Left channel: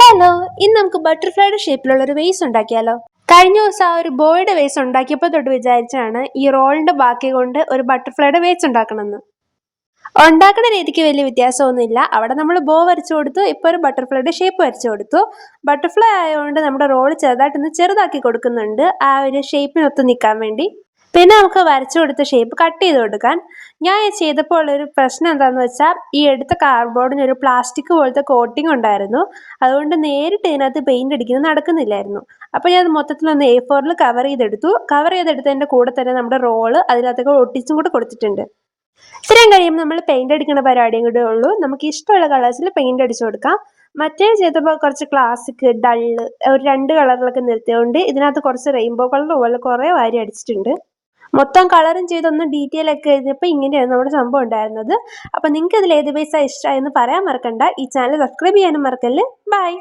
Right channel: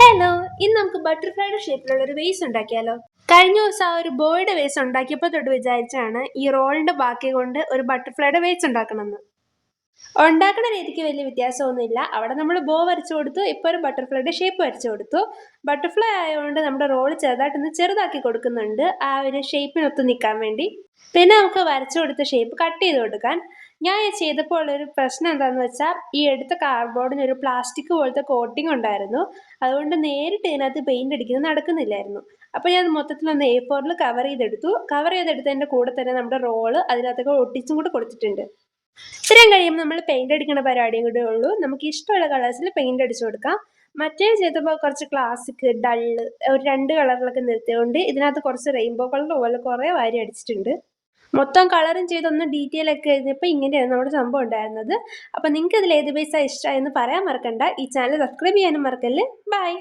Hello, ഇന്ന് നമുക്ക് ബട്ടർഫ്ലൈയുടെ ഷേപ്പിലുള്ള ഒരു വേസ് ഉണ്ടാക്കിയാലോ? കഴിഞ്ഞ ദിവസം ആ ഒരു ബോയുടെ വേസ് ഉണ്ടാക്കിയപ്പോൾ തൊട്ട് വിചാരിച്ചാണ് ഈ റോളിന്റെ ബാക്കി കൊണ്ട് ഒരു ബട്ടർഫ്ലൈയുടെ വേസ് ഉണ്ടാക്കണമെന്ന്. ഉണ്ടാക്കുന്ന രീതിക്ക് വലിയ വ്യത്യാസമൊന്നുമില്ല. അവിടെ നമ്മൾ ബോ വരച്ചു കൊടുത്തു, ഇപ്പോൾ ഒരു ബട്ടർഫ്ലൈയുടെ ഷേപ്പ് വരച്ചു കൊടുത്തു. ബട്ടർഫ്ലൈ ആയതുകൊണ്ട് നമ്മുടെ റോൾ ചെറുതായിട്ടൊന്ന് ചെറുതാക്കി കൊടുക്കുന്നുണ്ട് ആ ഒരു ഷേപ്പിനൊത്ത് നിൽക്കാൻ വേണ്ടി. പിന്നെ നമുക്ക് വരച്ചു കൊടുത്ത ഷേപ്പ് കട്ട് ചെയ്ത് കൊടുക്കാൻ. ഞാൻ ചെയ്തപ്പോൾ ഉള്ളൊരു പ്രശ്നം എന്താണെന്ന് വെച്ചാൽ ഈ എടുത്ത കാർഡ്ബോർഡിന് ഒരു പ്ലാസ്റ്റിക് പോലത്തെ കോട്ടിംഗ് ഉണ്ടായിരുന്നു. അതുകൊണ്ട് നേരിട്ട് ഇതിനകത്ത് പെയിന്റ് അടിക്കുന്നത് നടക്കുന്നില്ലായിരുന്നു. അപ്പോൾ ഞാൻ മൊത്തത്തിലൊന്ന് A4 കവർ ചെയ്തെടുത്തതിൻ്റെ കൂടെ തന്നെ നമ്മുടെ റോള് അതിനകത്തൊക്കെ ഒട്ടിച്ചും കൂടെ കൊടുത്തിട്ടുണ്ട്. ഇത്രയും കഴിയുമ്പോൾ നമ്മൾ പെയിന്റ് അടിക്കുന്ന പരിപാടിയും കൂടെ ഉള്ളൂ. നമുക്ക് ഇഷ്ടമുള്ള കളേഴ്സിൽ പെയിന്റ് അടിച്ചു കൊടുക്കാം. മറ്റേ ചെയ്തപ്പോൾ കുറച്ച് ക്ലാസിക് ഡള്ള് ഒരു 2 കളറിലൊക്കെ നിർത്തിയതുകൊണ്ട് ഇതിനകത്ത് കുറച്ച് റെയിൻബോ കളർ പോലെ കുറേ വാരി അടിച്ചിട്ടുണ്ട്. മൊത്തം കളറും ചെയ്തൊന്ന് ഡീറ്റെയിൽ ഒക്കെ എഴുതിയപ്പോൾ ഇങ്ങനെയാണ് നമ്മുടെ സംഭവം ഉണ്ടായിരുന്നത്. അപ്പോൾ നിങ്ങൾക്ക് ഇതിൽ ഏത് ബേസാണ് ഇഷ്ടമായെന്ന് പറയാൻ മറക്കണ്ട. ഈ ചാനൽ സബ്സ്ക്രൈബ് ചെയ്യാനും മറക്കല്ലേ. ബൈ.